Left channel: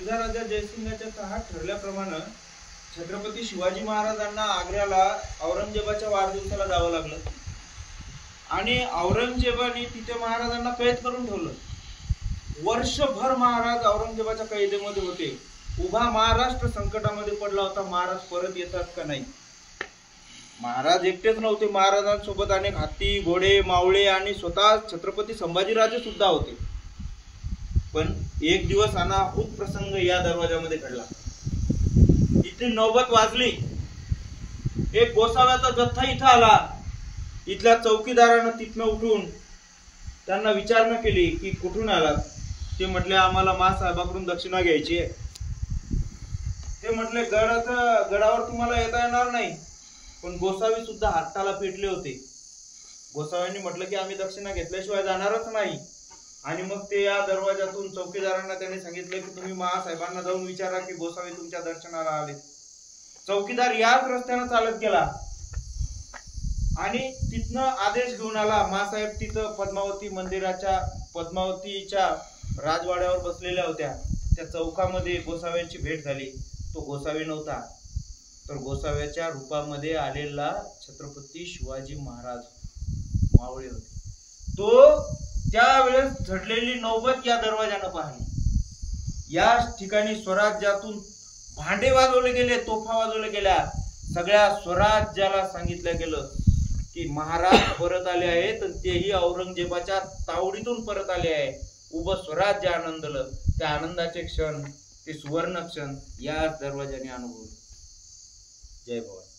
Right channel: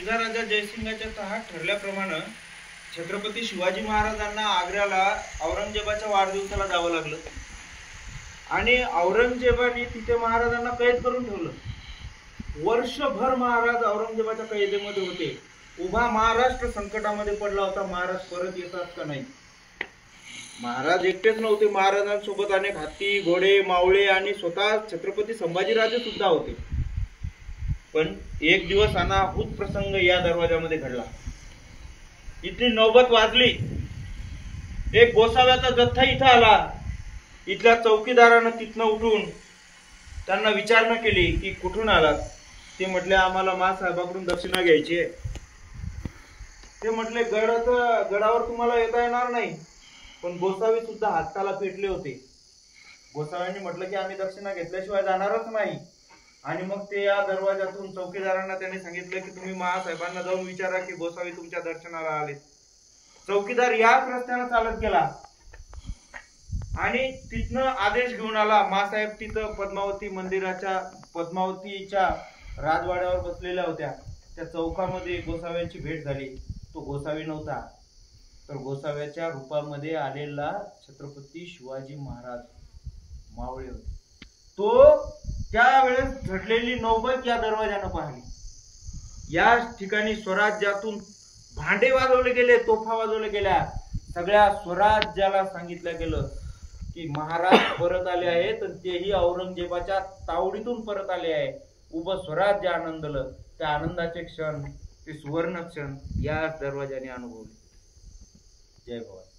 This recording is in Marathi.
मिर्झा राजा जयसिंगाच्या तहात ठरल्याप्रमाणे छत्रपती शिवाजी महाराजांना आग्र्याला औरंगजेबाच्या वाढदिवसाला जावं लागलं आणि औरंगजेबाने तिथे महाराजांना कैद करून ठेवलं। वर्षभर महाराज औरंगजेबाच्या कैदेमध्ये होते। उभा महाराष्ट्र संकटामध्ये पडला होता। महाराज परत येतात का नाही। महाराज एकटेच नव्हते, महाराजांसोबत अनेक हत्ती, घोडे, मावळे आणि स्वतः छत्रपती संभाजीराजे सुद्धा होते। पण एक दिवस अनाहूत प्रसंग या दरवाजामध्ये घडला। इथली नौबत वाजली। एक गोसाव्याचा जत्था इथं आला। इथल्या चौकीदारानं तिथनं उठून त्यांना विचारणा केली की कुठून आलात। ते म्हटले आम्हाला महासाहेबाकडून दक्षिणा घ्यायची आहे। ते म्हटले गडावर तुम्हाला येता येणार नाही। पण गोसावी सुद्धा हाताला पेटले होते। गोसाव्यांनी म्हटलं की आम्ही दक्षिणा घेतल्याशिवाय जाणारच नाही। आणि मग ते या दरवाजातून चौकीदारांना त्यांनी सांगितलं की तुम्ही महासाहेबांना जाऊन विचारा की गोसावी तुमच्या दर्शनाला आले। चौकीदार याच रस्त्याने चालत गेला आणि तिथनं आदेश घेऊन आला। महासाहेब तिथं पद्मावतीच्या राजवाड्यावर बसलेल्या होत्या। त्या चौकामध्ये गोसाव्यांची भेट झाली। तो गोसावी नव्हता, तर गोसाव्याच्या रूपामध्ये आलेला छत्रपती शिवाजी महाराज मावळे होते। तो त्यावेळेस झडलेली नौबत या दरवाजानं पाहिली। या ठिकाणी स्वराज्यातून भांडे वाजवले गेले, तोफा वाजवल्या गेल्या। सगळ्या स्वराज्याला सांगितलं गेलं की महाराज परत आले आहेत, तेही औरंगजेबाच्या तावडीतून परत आले आहे। उभं स्वराज्य आनंदलं। त्या आनंदाचे क्षण, ते सुवर्ण क्षण या दरवाजाने अनुभवले। जय भवानी।